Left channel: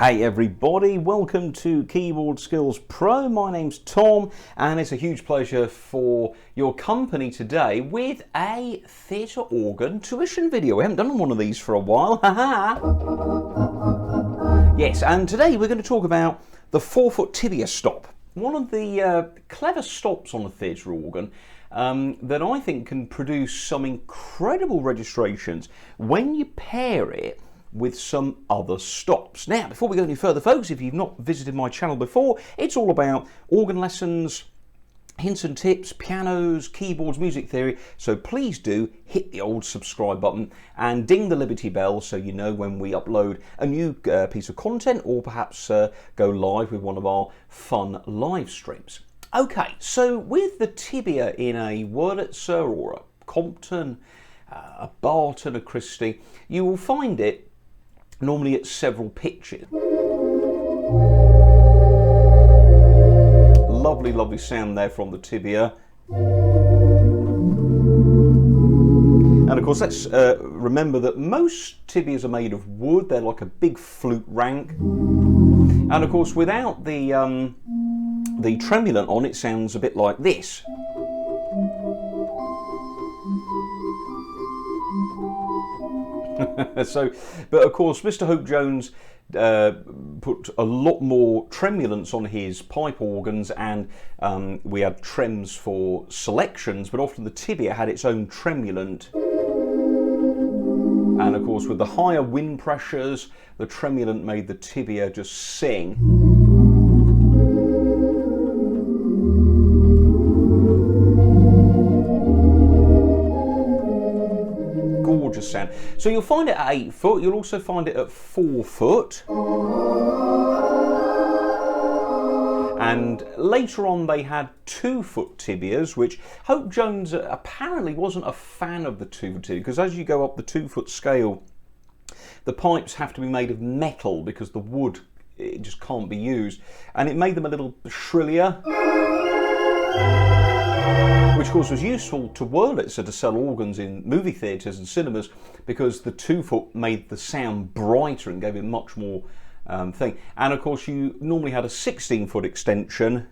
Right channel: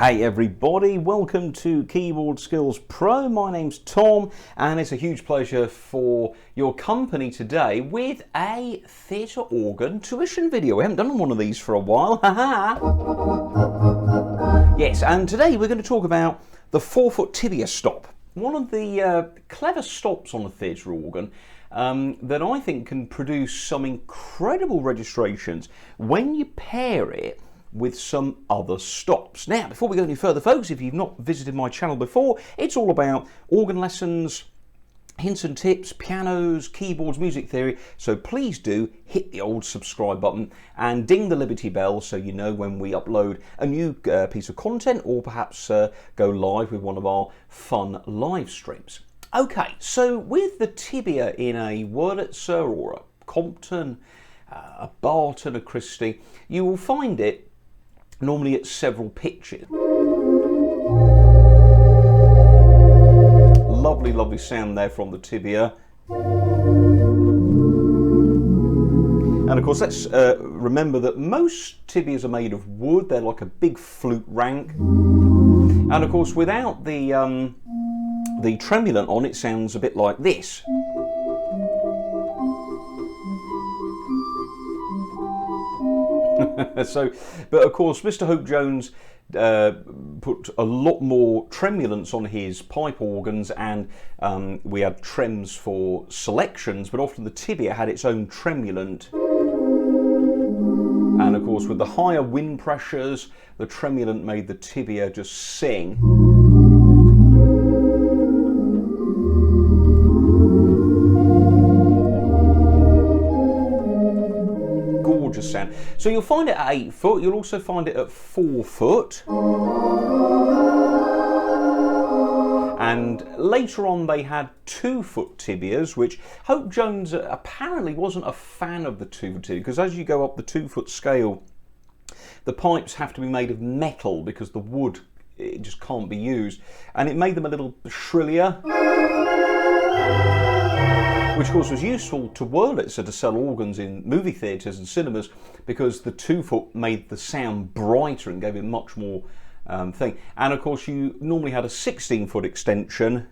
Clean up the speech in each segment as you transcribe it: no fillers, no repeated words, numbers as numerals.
Hey everybody, welcome to Keyboard Skills Pro. My name's Tom and it's a huge pleasure for your company today with a theatre organ tuition video. We haven't done one of these for a while, haha. Yes, and today we're going to talk about the 4ft Tibia stop. One of the clever stops on a theatre organ that I think can produce some incredible registrations when you pair it with some other stops. Now, before we go any further, folks, if you've not visited my channel before, it's all about organ lessons, hints and tips, pianos, keyboards, music theory, so please do hit the old subscribe button and ding the Liberty Bell so you know when we upload a new piece of content or perhaps go live with one of our fun live streams. Okay, so with the Tibia in a Wurlitzer or a Compton, a Barton, a Christie, you will find it normally at several pitches. Lovely, lovely sound there from the Tibia. And of course, let's remember that most Tibias are made of wood. They're like a big flute rank. And of course, without the tremulant on, it sounds a bit like this. So, but of course, Mr. Hope Jones put a lot more tremulants on his pipe organs, and we had trems for selections, but often the Tibia had its own tremulant. And of course, with the higher wind pressures, the tremulant made the Tibia just sing. Gorgeous sound. So you'll find it at 8 foot, you'll also find it at 4 foot. And later on they had 2 foot tibias, which Hope Jones apparently wasn't a fan of the 2 foot tibia, because as you go up the 2 foot scale, the pipes have to be made of metal because the wood, it just can't be used. And it made them a little shrillier, which of course was useful to Wurlitzer to sell organs in movie theatres and cinemas, because the 2 foot made the sound brighter and gave it much more thing. And of course you normally had a 16 foot extension.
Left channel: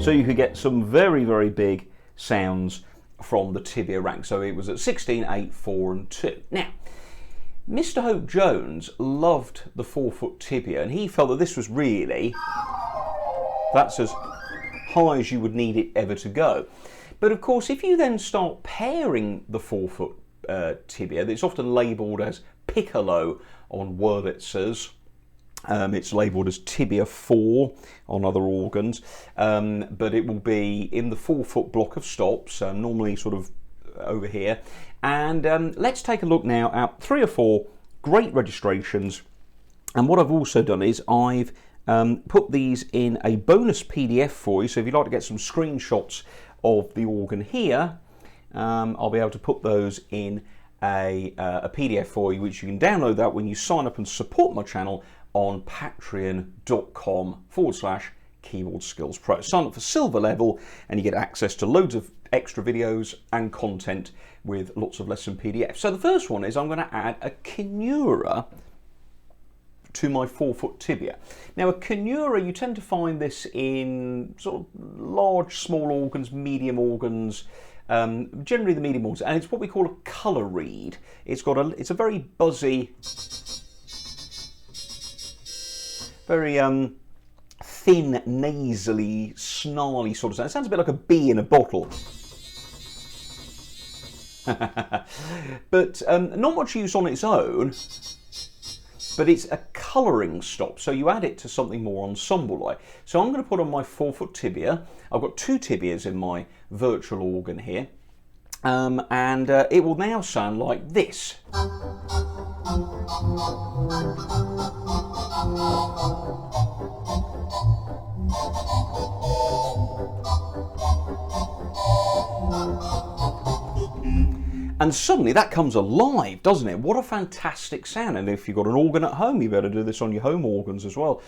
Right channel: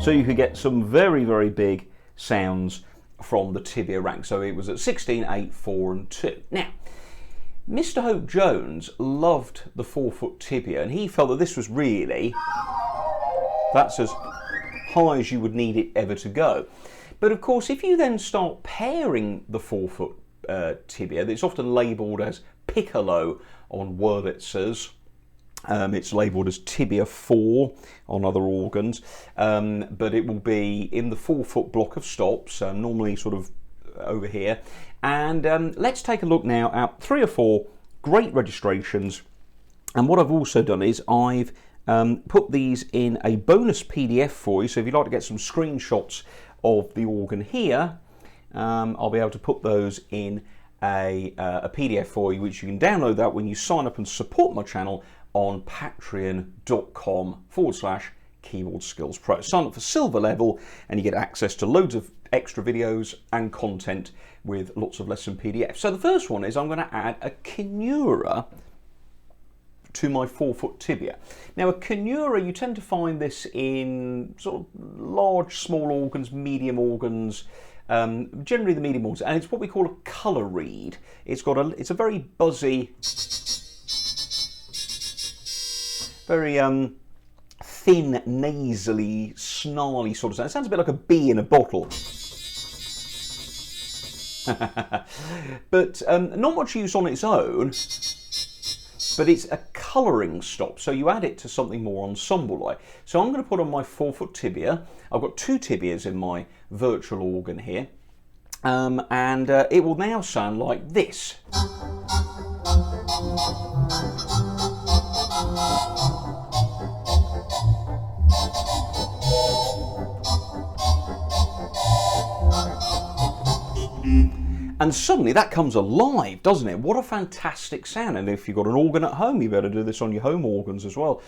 So you could get some very, very big sounds from the Tibia rank. So it was at 16, 8, 4 and 2. Now, Mr. Hope Jones loved the 4 foot Tibia, and he felt that this was really, that's as high as you would need it ever to go. But of course, if you then start pairing the 4 foot Tibia, it's often labelled as piccolo on Wurlitzers. It's labelled as Tibia 4 on other organs, but it will be in the 4 foot block of stops, normally sort of over here. And let's take a look now at 3 or 4 great registrations. And what I've also done is I've put these in a bonus PDF for you. So if you'd like to get some screenshots of the organ here, I'll be able to put those in a PDF for you, which you can download that when you sign up and support my channel on patreon.com/Keyboard Skills Pro. Sign up for silver level and you get access to loads of extra videos and content with lots of lesson PDFs. So the first one is I'm going to add a kinura to my 4 foot Tibia. Now a kinura, you tend to find this in sort of large, small organs, medium organs, generally the medium organs, and it's what we call a colour reed. It's a very buzzy, very thin, nasally, snarly sort of sound. It sounds a bit like a bee in a bottle. But not much use on its own, but it's a colouring stop, so you add it to something more ensemble-like. So I'm going to put on my 4 foot Tibia. I've got 2 tibias in my virtual organ here, and it will now sound like this. And suddenly that comes alive, doesn't it? What a fantastic sound. And if you've got an organ at home, you better do this on your home organs as well.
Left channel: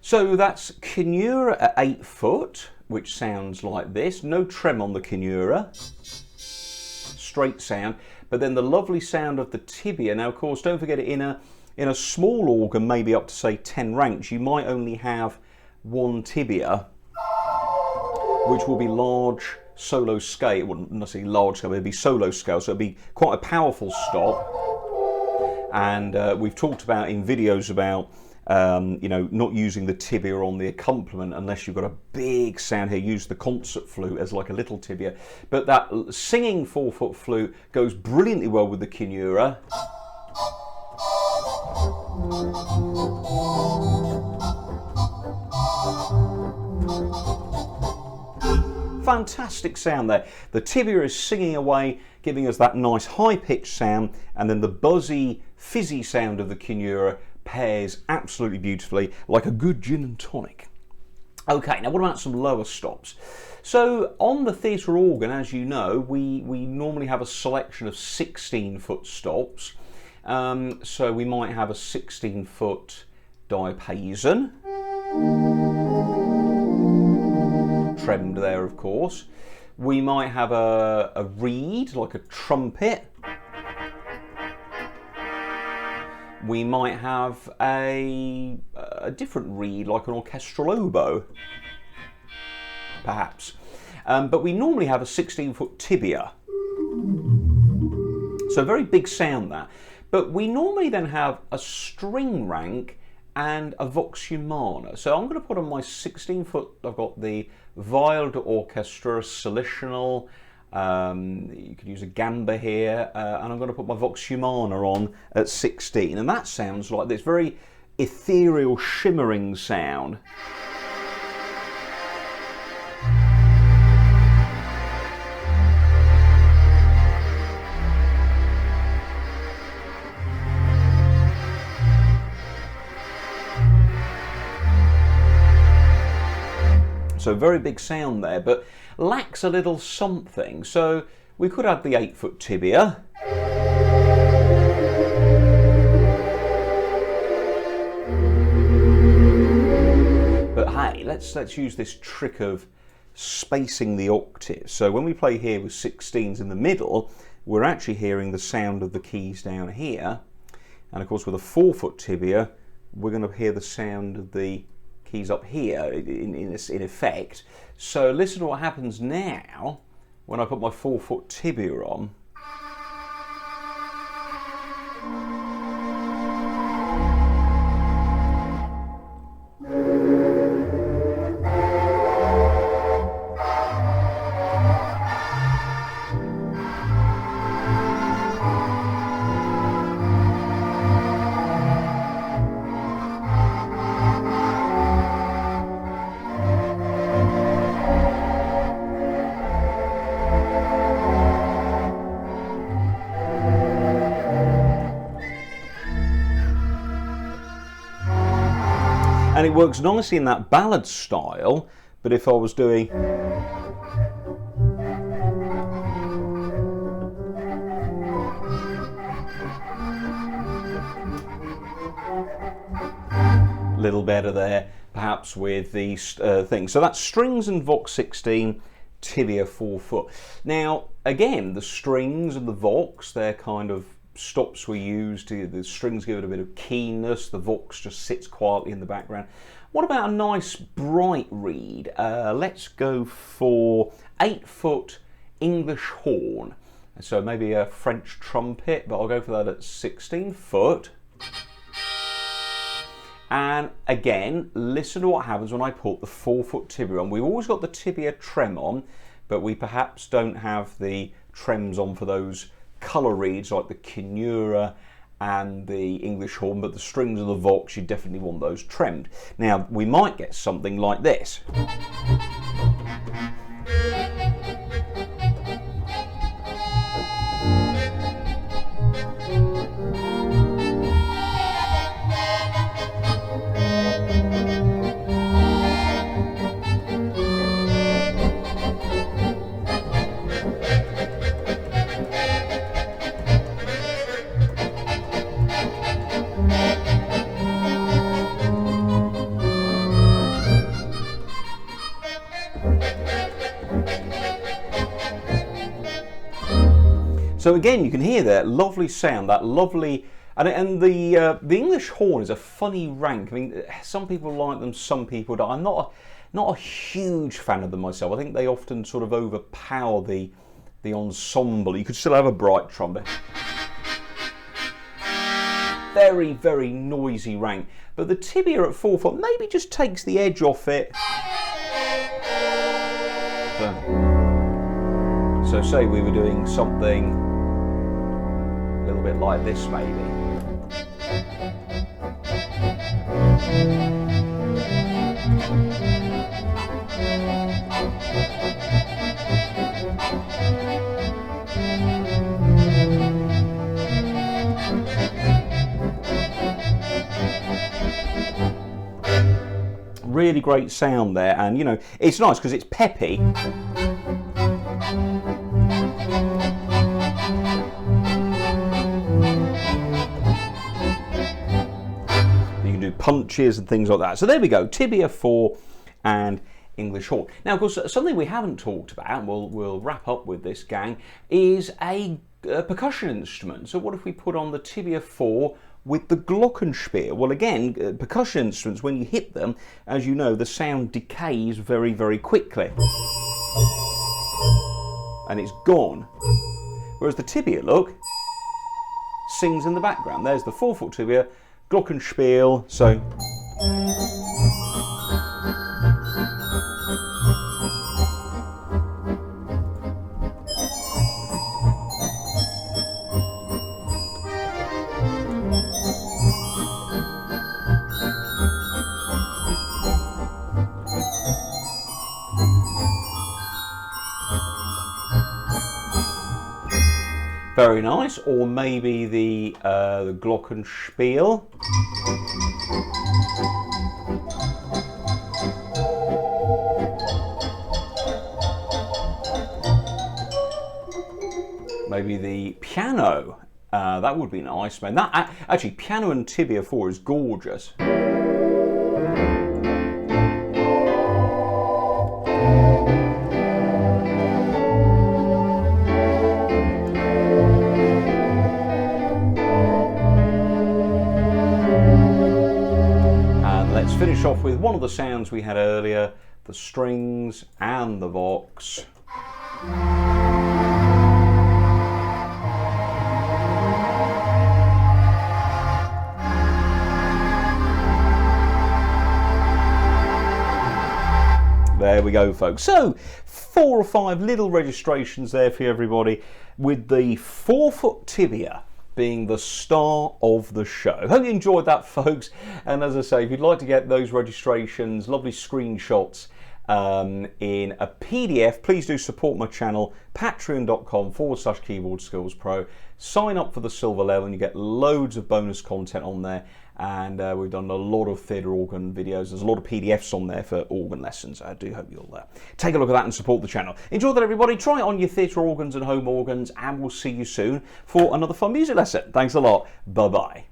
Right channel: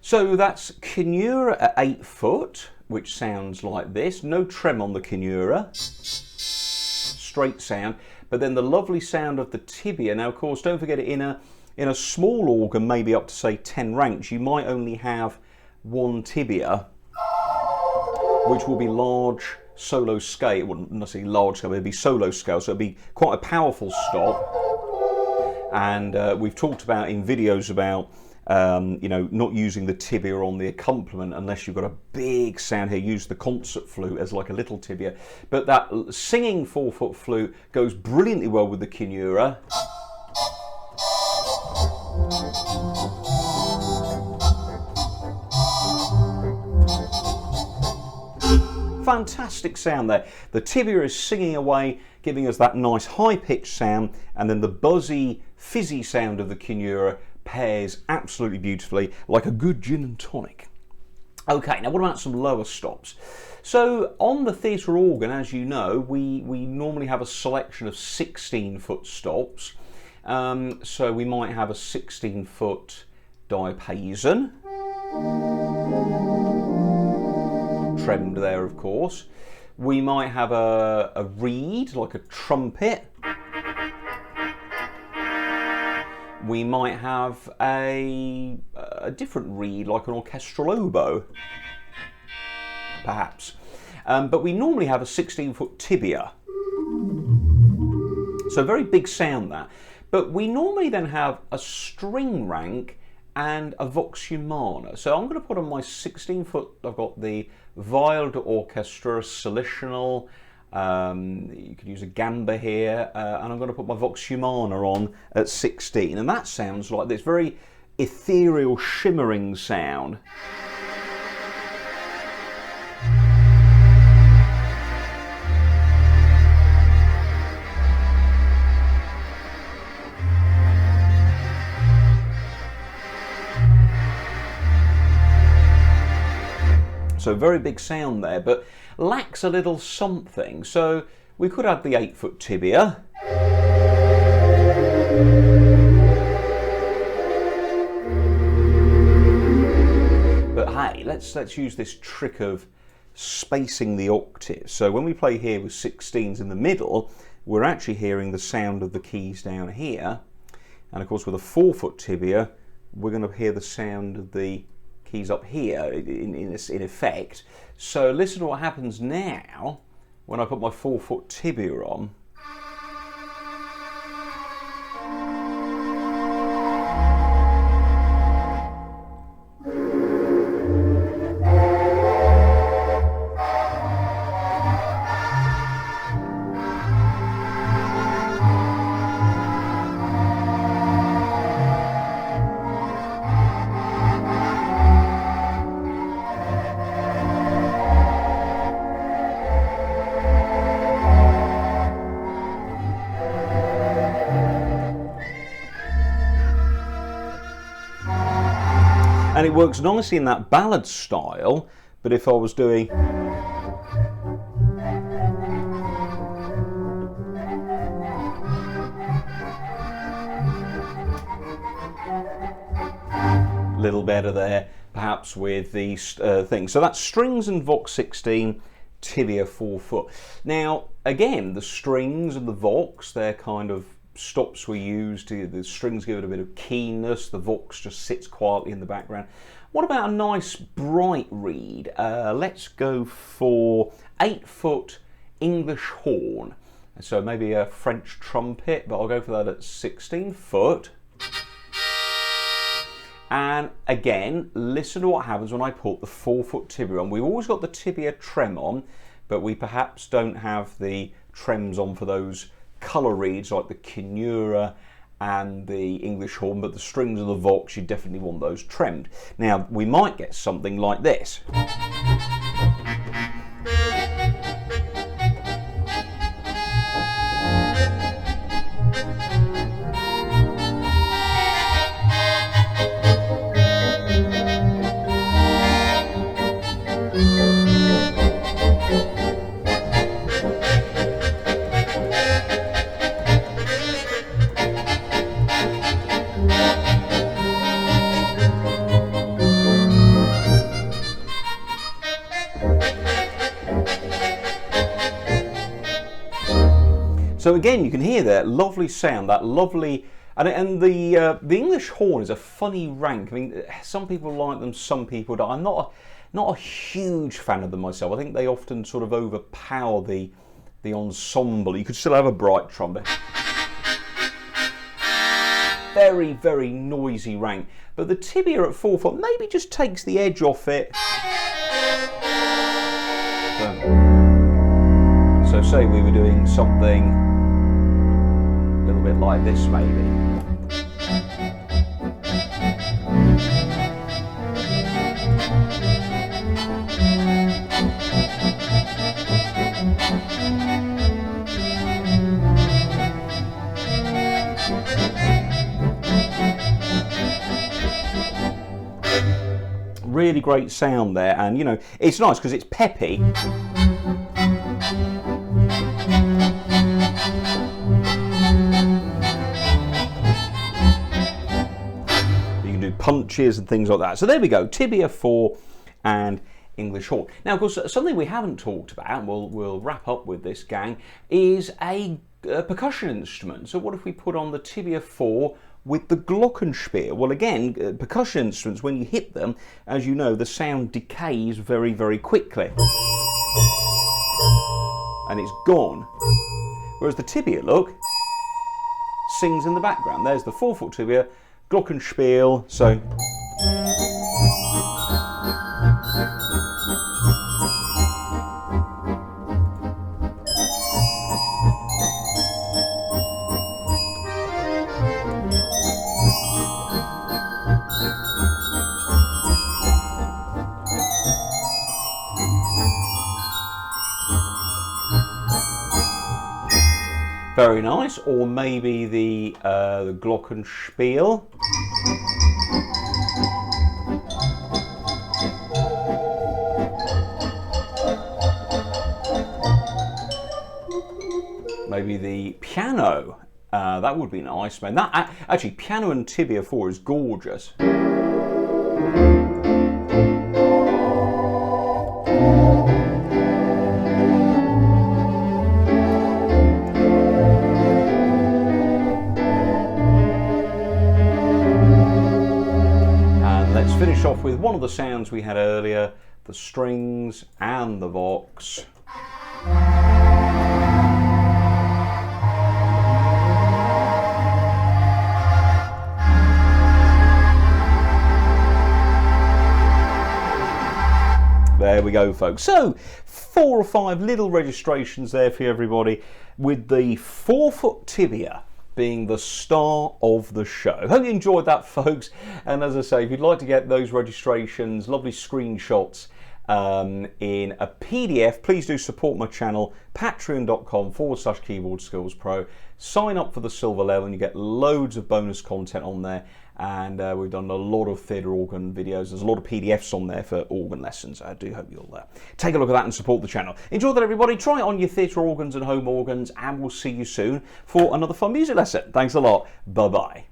So that's kinura at 8 foot, which sounds like this. No trem on the kinura. straight sound, but then the lovely sound of the tibia. Now, of course, don't forget, in a small organ, maybe up to say 10 ranks, you might only have one tibia, which will be large solo scale. It wouldn't necessarily large scale, but it'd be solo scale, so it'd be quite a powerful stop. And we've talked about in videos about you know, not using the tibia on the accompaniment unless you've got a big sound here. Use the concert flute as like a little tibia. But that singing 4-foot flute goes brilliantly well with the kinura. Fantastic sound there. The tibia is singing away, giving us that nice high-pitched sound, and then the buzzy, fizzy sound of the kinura pairs absolutely beautifully, like a good gin and tonic. Okay, now what about some lower stops? So on the theatre organ, as you know, we normally have a selection of 16-foot stops. So we might have a 16-foot diapason, trimmed there, of course. We might have a reed, like a trumpet. We might have a different reed, like an orchestral oboe, perhaps. But we normally have a 16-foot tibia. So very big sound that. But we normally then have a string rank and a vox humana. So I'm going to put on my 16-foot, I've got the viol d'orchestra, solitional, you could use a gamba here, and I'm going to put my vox humana on at 16, and that sounds like this very ethereal, shimmering sound. So very big sound there, but lacks a little something. So we could have the 8-foot tibia. But hey, let's use this trick of spacing the octaves. So when we play here with 16s in the middle, we're actually hearing the sound of the keys down here. And of course with a 4-foot tibia, we're going to hear the sound of the keys up here in effect. So listen to what happens now when I put my 4-foot tibia on. And it works nicely in that ballad style, but if I was doing a little better there, perhaps with these things. So that's strings and vox 16, tibia 4-foot. Now, again, the strings and the vox, they're kind of stops we use. The strings give it a bit of keenness, the vox just sits quietly in the background. What about a nice bright reed? Let's go for 8-foot English horn. So maybe a French trumpet, but I'll go for that at 16 foot. And again, listen to what happens when I put the 4-foot tibia on. We've always got the tibia trem on, but we perhaps don't have the trems on for those colour reeds like the kinura and the English horn, but the strings of the vox, you definitely want those tremmed. Now, we might get something like this. So again, you can hear that lovely sound, that lovely, and the English horn is a funny rank. I mean, some people like them, some people don't. I'm not a huge fan of them myself. I think they often sort of overpower the ensemble. You could still have a bright trumpet. Very, very noisy rank. But the Tibia at 4 foot maybe just takes the edge off it. So say we were doing something a little bit like this maybe. Really great sound there, and you know, it's nice because it's peppy. You can do punches and things like that. So there we go, Tibia 4 and English horn. Now, of course, something we haven't talked about, and we'll wrap up with this, gang, is a percussion instrument. So what if we put on the Tibia 4 with the glockenspiel? Well, again, percussion instruments, when you hit them, as you know, the sound decays very, very quickly. And it's gone. Whereas the Tibia, look, sings in the background. There's the 4 foot Tibia, glockenspiel, so... Very nice, or maybe the glockenspiel. Maybe the piano. That would be nice, man. That actually, piano and Tibia 4 is gorgeous. Let's finish off with one of the sounds we had earlier, the strings and the vox. There we go, folks. So 4 or 5 little registrations there for everybody, with the 4 foot Tibia being the star of the show. Hope you enjoyed that, folks. And as I say, if you'd like to get those registrations, lovely screenshots in a PDF, please do support my channel, patreon.com/keyboard skills pro. Sign up for the silver level and you get loads of bonus content on there. And we've done a lot of theatre organ videos. There's a lot of PDFs on there for organ lessons. I do hope you'll take a look at that and support the channel. Enjoy that, everybody. Try it on your theatre organs and home organs, and we'll see you soon for another fun music lesson. Thanks a lot. Bye-bye.